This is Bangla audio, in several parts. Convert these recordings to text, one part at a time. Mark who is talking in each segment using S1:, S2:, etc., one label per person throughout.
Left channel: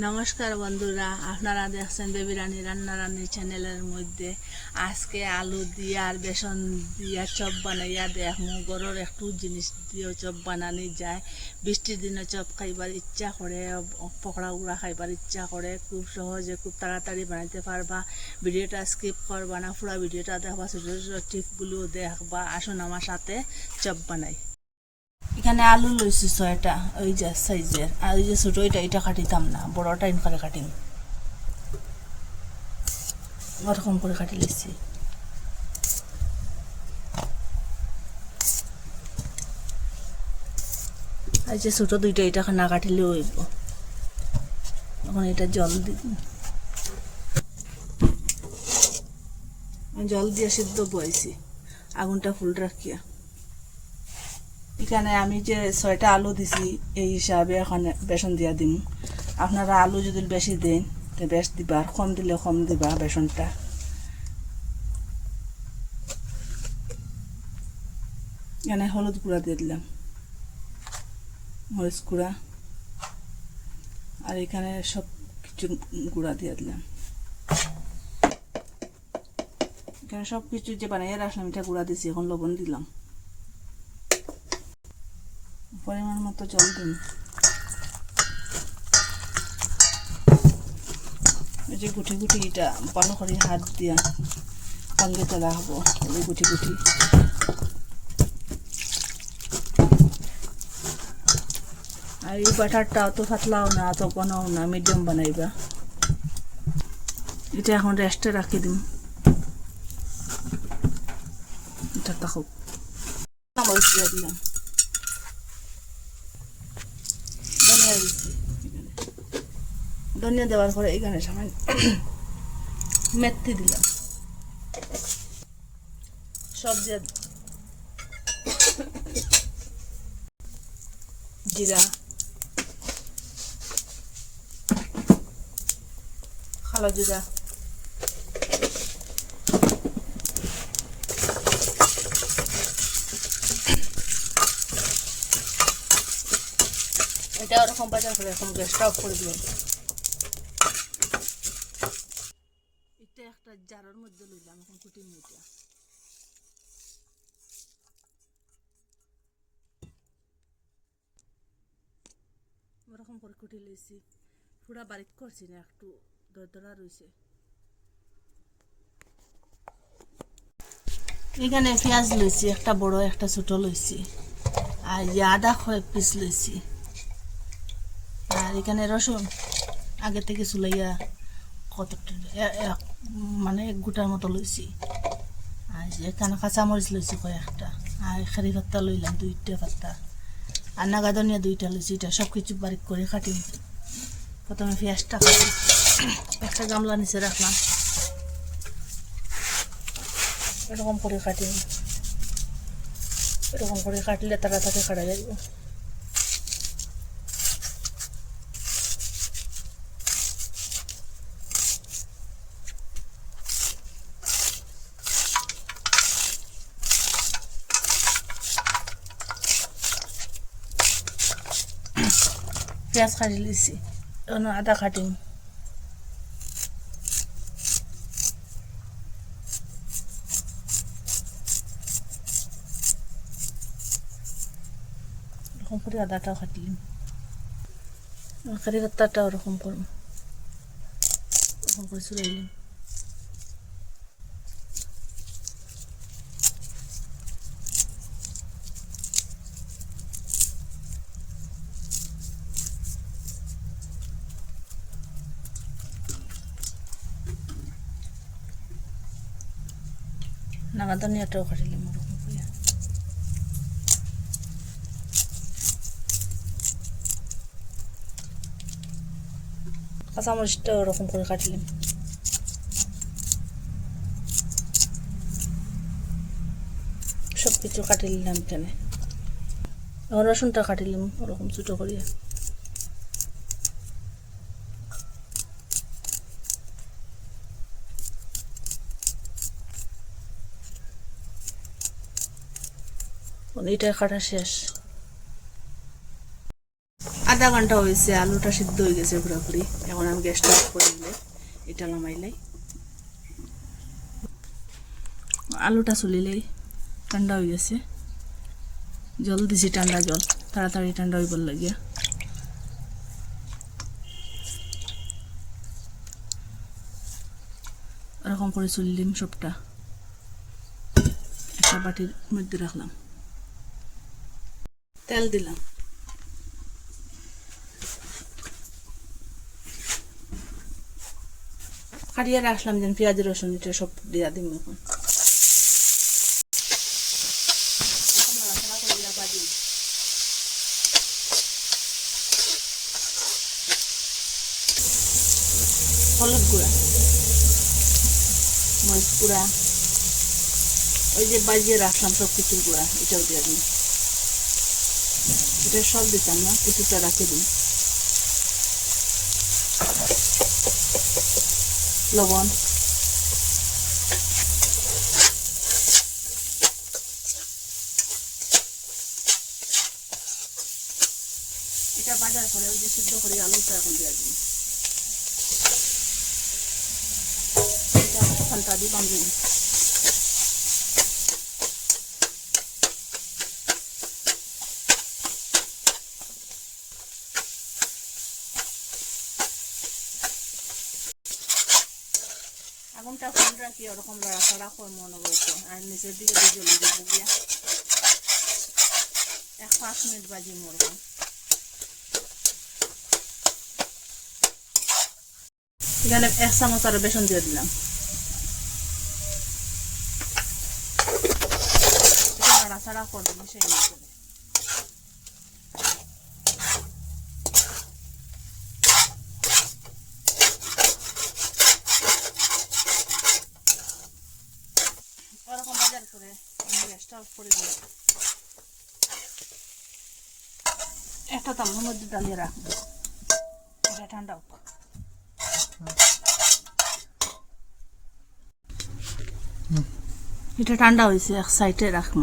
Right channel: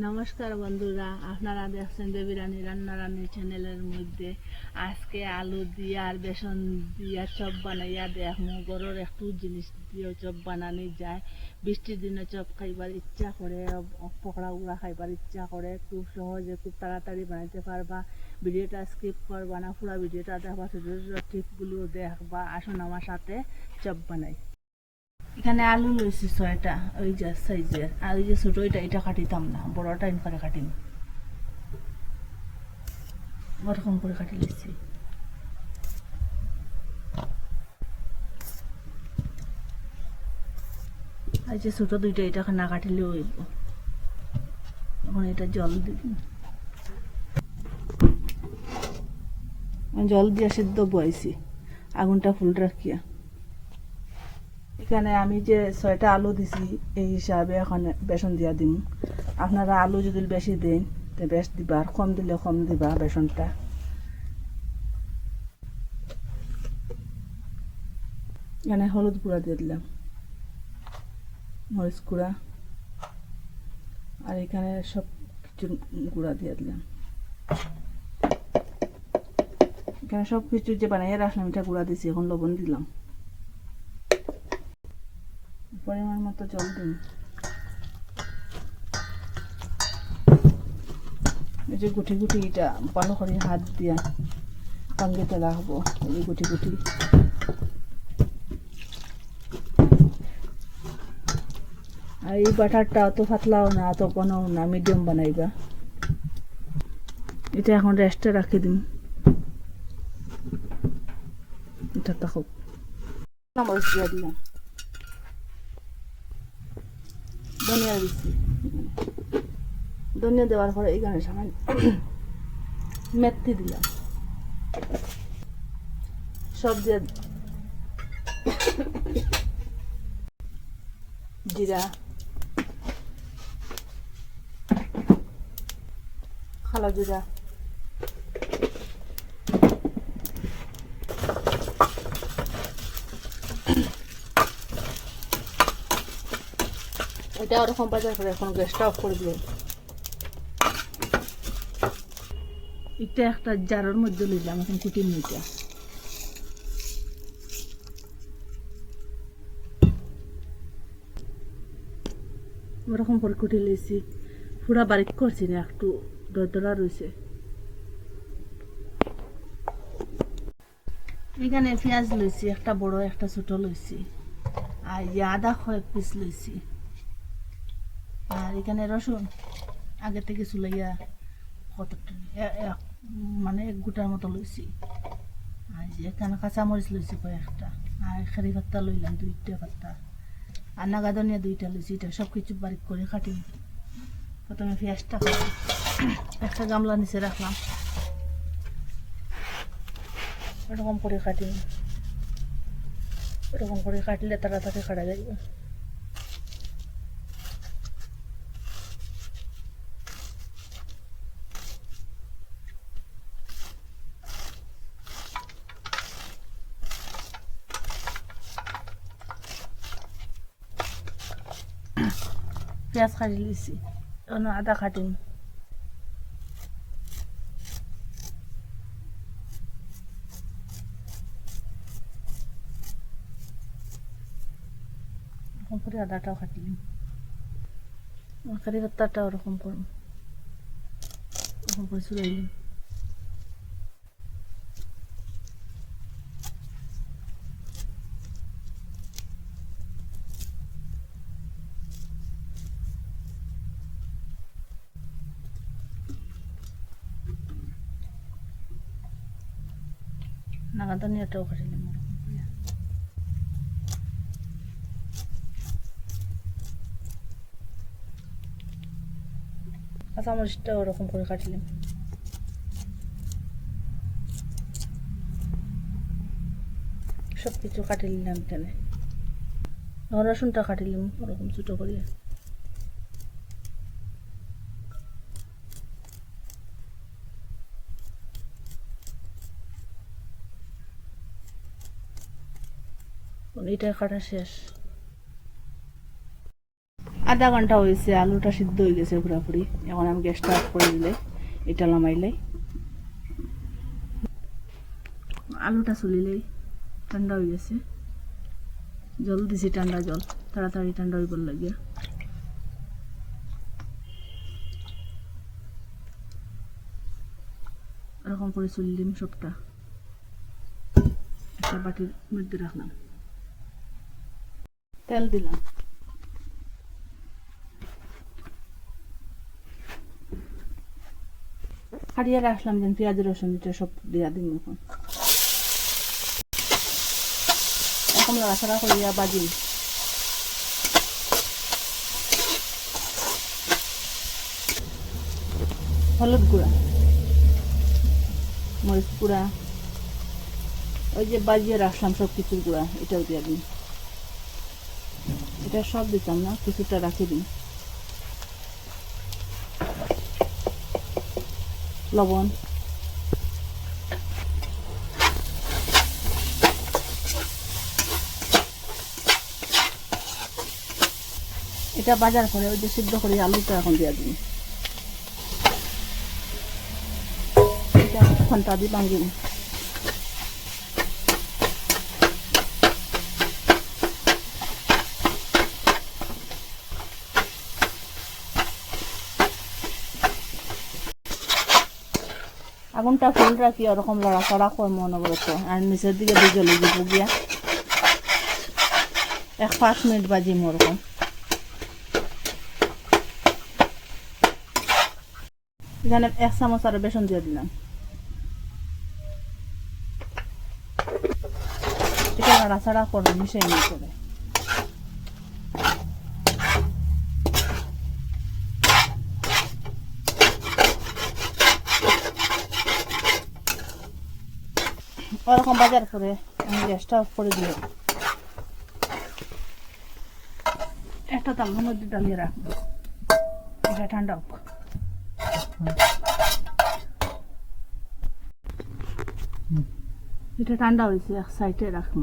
S1: নমস্কার বন্ধুরা, আপনারা দেখছেন বেবি রানী রান্না চ্যানেলের মধ্যে। আজকে আলু দিয়ে আর বেসন দিয়া চপ বানাইয়া দেখমু। গরুর একটু জিনিস দিয়ে চপ বানানি যায়। বৃষ্টির দিনে চপ খাইবার ইচ্ছা করে, পকড়া উড়া খাইবার ইচ্ছা করে। খুব সহজে খুব তাড়াতাড়ি বানাইতে পারবা। ভিডিওটা স্কিপ করবা না, পুরো ভিডিওটা দেখবা, ছোটো ছোটো টিপগুলো দেখবা। আসুন আমার সাথে চপ বানাই। এখানে আলু লইছি ছয়টা, ওই যে সাইজের। আর ওই যে ছোট, ওইটা এটা কাটিতাম না, বড়টা ইন করে কাটিম। ওরকম করে কাটি লইছি। আর যে ছোট দুইটা এটা না কাটিলে হইব। এখন এটা জল দিব জল দিয়ে সিদ্ধ বয়েছি আগুনটা ফুল রাখিয়া। এখানে আমি যে ছয়টা আলু দিছি, এই হিসাবে এখানে বেসন দিয়া দিম। আপনারা আলু যদি বেশি দেন, তো বেশ দিবা, আর কম দিলে কম দিবা বেসনটা। এখানে হলুদ গুঁড়া দিয়ে দিলাম, মরিচ গুঁড়া, আর এখানে সব কিছু গুঁড়া দিয়ে দিলাম। এখানে সব কিছু যে বানাইয়া রাখলাম, এটা গুঁড়া দিছি, এখন লবণ দিলাম। পরিমাণ মতো জল দিন। এই যে গুটি গুটি এটা ভালো করে হাত দিয়া সঙ্গে তোলা হব এই যে গুটি গুটি। আর এই বাটারটা অত পাতলাও না, অত ঘনও না মিডিয়াম বানাইবা। এটা এখন রেস্টে রাখি দিম। এটা থাকুক মরিচ দিলাম ধনিয়া দিচ্ছি। ধনিয়া দেওয়ার পরে এখানে সামান্য মেথি দিলাম। সব দিয়ে জিরা। খালা জিরা। এটা ওরকম বাজার করে, এখন গ্যাসটা অফ করে দিলেন এটা একটা জারের মধ্যে লইলাম, এখন কুটির মিটা ওরকম করে কুটি লইছি। পুরা বারিক করছি না, একটু দরদরা রয়েছে এখানে পেঁয়াজ লইছি, একটা বড়, একটা ছোট লইছি। আর আদা কয়েক পিস লইছি। আর এখানে রসুন, আগে থেকে চুলাইয়া কত মানে এক গোটার মতো লইছি। আর এখানে কাঁচামরিচ লইছি কয়েকটা, আর খারি পাত্তা লইলাম, দুইটা পাত্তা আর নাগাদনিয়া দুইটা লইছি, এটা সব কিছু বারিক করে কাটি প্রথমে পেঁয়াজটা কাটি, একটা গামলা নিচে রাখলাম। এরকম করে কাটি এরকম করে কাটলে তাড়াতাড়ি কাটা যাবে পেঁয়াজ কাটি লিছি আদা কাটিম এরকম করে আদাটাও কাটলিম কারি পাত্তাটা ওরকম করুন ওরকম করে চুলাইলিম নাগাদনিয়াটাও কাটিলাম ওরকম করে কাঁচামরিচটা ওরকম করে কাটলাম। সব কিছু কাটি নিলাম এখানে এখন রসুনটা কাটিলাম, ওরকম ছোটো করিয়া। এটা কাটা শেষ। আধা ঘণ্টা হয়েছে, আলুটা সিদ্ধ হয়ে গেছে পুরোপুরি। এখন আমি গ্যাসটা অফ করে দিলে এটা নামাইলে। আলুটা চলিলেই ঠান্ডা হয়ে গেছে। জল দিছি ঠান্ডা জল, তাড়াতাড়ি ঠান্ডা হইবার লাগিয়া। এরকম করে চলিলাম সবটা। একটা বাটির মধ্যে রাখলাম। তেল দিলাম। কাটিয়ে রাখলাম যেন পেঁয়াজ, রসুন এটা সব দিয়া দিম এখন। এখন নাড়াচাড়া করিয়া বাজিম হলুদ গুঁড়া, মরিচ গুঁড়া, ওই যে বাজিয়ে রাখলাম সব কিছুর গুঁড়া, এটাও দিয়ে দিন এটা সব দিতাম না, কিছুটা রাখে দিন। লবণ। এটা বাজার করে, ওই সিদ্ধ করে আলুটা এখন দিয়ে দিন। এটা ঘণ্টা দিয়ে বাঙ্গিন আগুনটা ফুল রাখি, ওরকম লড়াচড়া করব অনবরত। আর নিচের দিকে দিয়ে জ্বলে দিব গিয়া এক পাঁচ মিনিট বাজিম ওরকম। এখানে এক চামচ আর বেসন দিয়ে দিলাম। এটা নাড়াচাড়া করব, মিশিয়ে নিয়ে করে ওরকম বাজার করে আমি গ্যাসটা অফ করে দিলাম। একটা তামের মধ্যে ডালিয়ে রাখব। এটা ঠান্ডা হোক। এটা ঠান্ডা হয়েছে, এক সাইডে রাখব।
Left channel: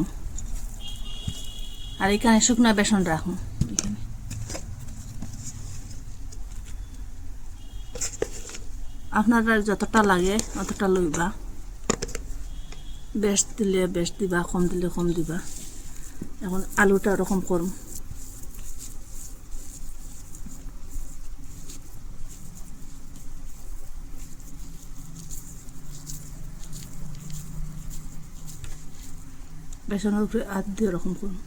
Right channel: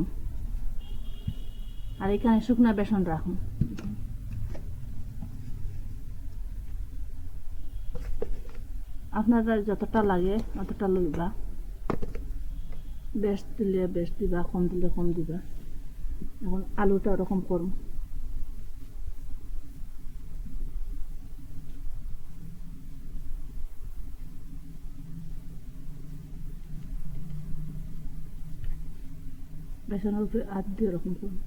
S1: আর এখানে শুকনা বেসন রাখব। এখানে। আপনারা যতটা লাগে অতটা লইবা। বেশ দিলে, বেশ দিবা, কম দিলে কম দিবা। এখন আলুটা ওরকম করুন বেসনের উপরে হাত দিয়ে ওরকম করুন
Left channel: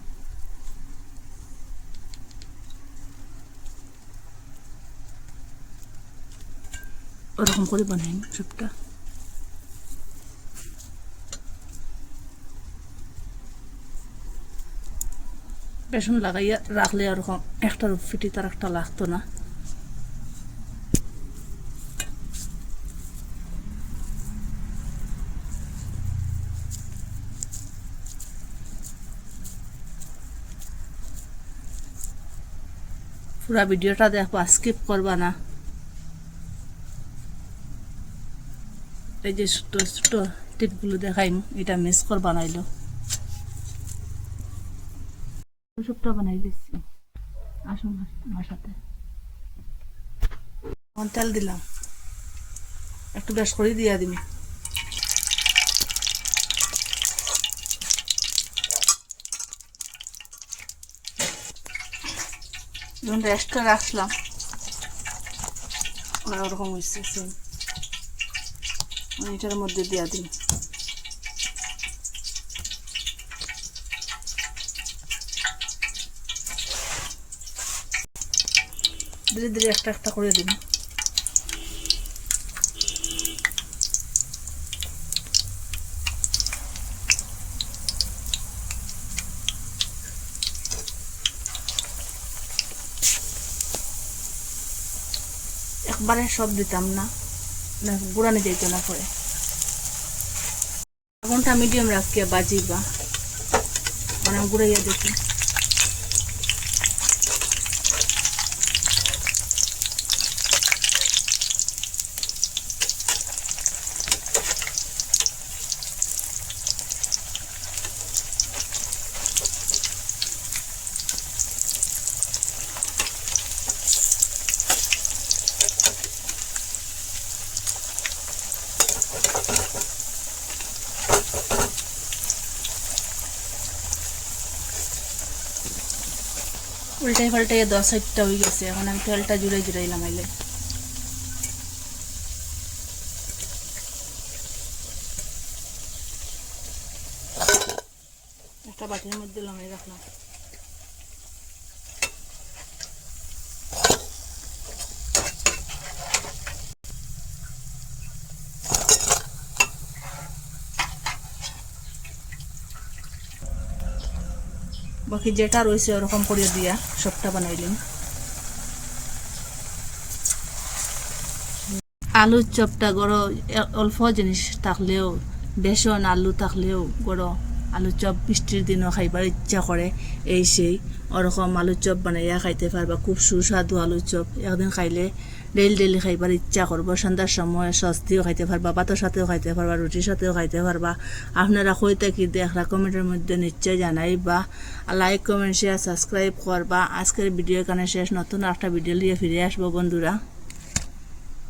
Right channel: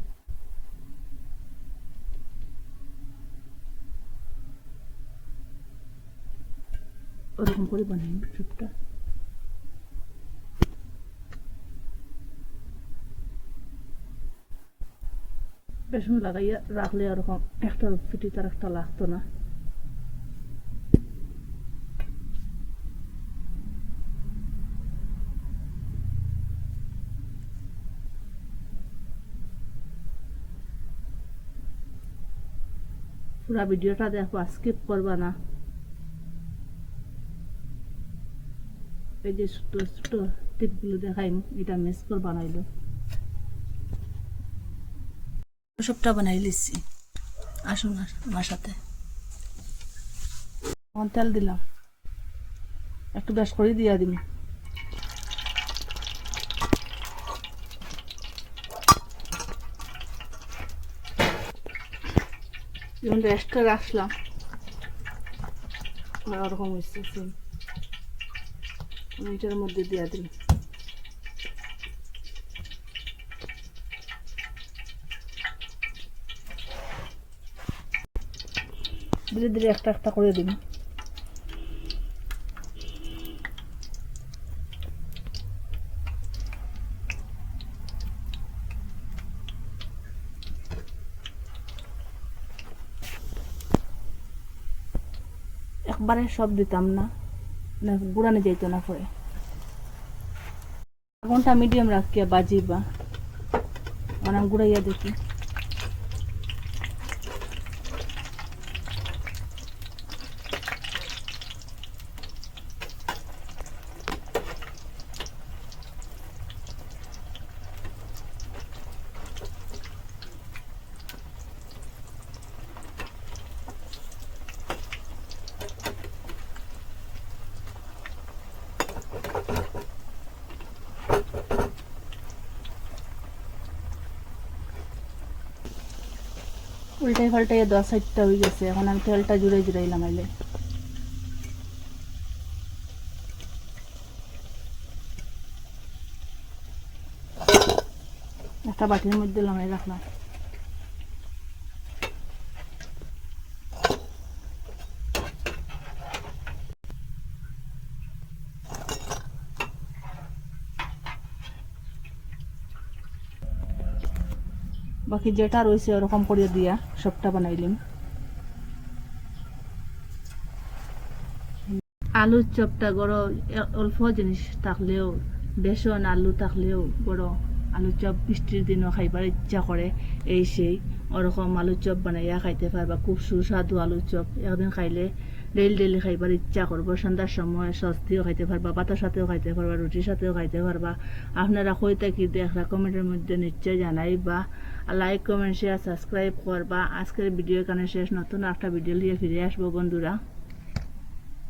S1: ওরকম করে বানাই সবটা। বেসন লাগাইয়া রাখলে ওরকম একটার ফিটি তার একটা লাগতো না। পুরা ভিডিওটা দেখবা স্কিপ করবা না এই যে ছোট ছোট টিপগুলো দেখাইম এটা মিস করবা বানাইলো সবটা বানাই লিছি আসুন আস- আমার সাথে তেল দিলাম। একটু বেশ করে দিয়ে দিবি। রেস্টটা রাখলাম। ওরকম হয়েছে এটার মধ্যে দিয়ে দিই ধীরে ধীরে একটা একটা করে দিন। একবারে সব দিতাম না। না গুড়ানো যেত না পরে। আগুনটা মিডিয়াম রাখিয়া বাজিবা। মানে আমি গুড়াইয়া দেখি উল্টাই পাল্টাই দশ সাইডটা হয়ে গেছে। এখন আমি তেলটা জুড়াই জুড়াইলাম আইলে। একটা বাটির মধ্যে লমাই রাখলাম। বাকি যেটা রয়েছে ওরকম করে দিয়া সবটা বানাইলাম আলুর চপটা গড় অল্প জিনিস থাকলেও, বেসন, আলু থাকলেও গড় আলু চপ বৃষ্টির দিনও খাইবার ইচ্ছা করে, এই সেই। ওরকম আলুর চপ বানাইয়া খাইতে পারবা খুব সুস্বাদু আলুর চপ। একদিন খাইলে ডেলি ডেলি খাইবার ইচ্ছা করব সন্ধ্যার সময় সস্তিও খাইতে পারবা ভাতের সাথেও খাইতে পারবা রুটির সাথেও খাইতে পারবা আপনারা কইতে কি দেখরা কমেন্টের মধ্যে নিশ্চয় জানাইবা লাইক কমেন্ট শেয়ার সাবস্ক্রাইব করবা আজকের ভিডিও এখানে শেষ। নতুন একটা ভিডিও নিয়ে ফিরে আসব বন্ধুরা।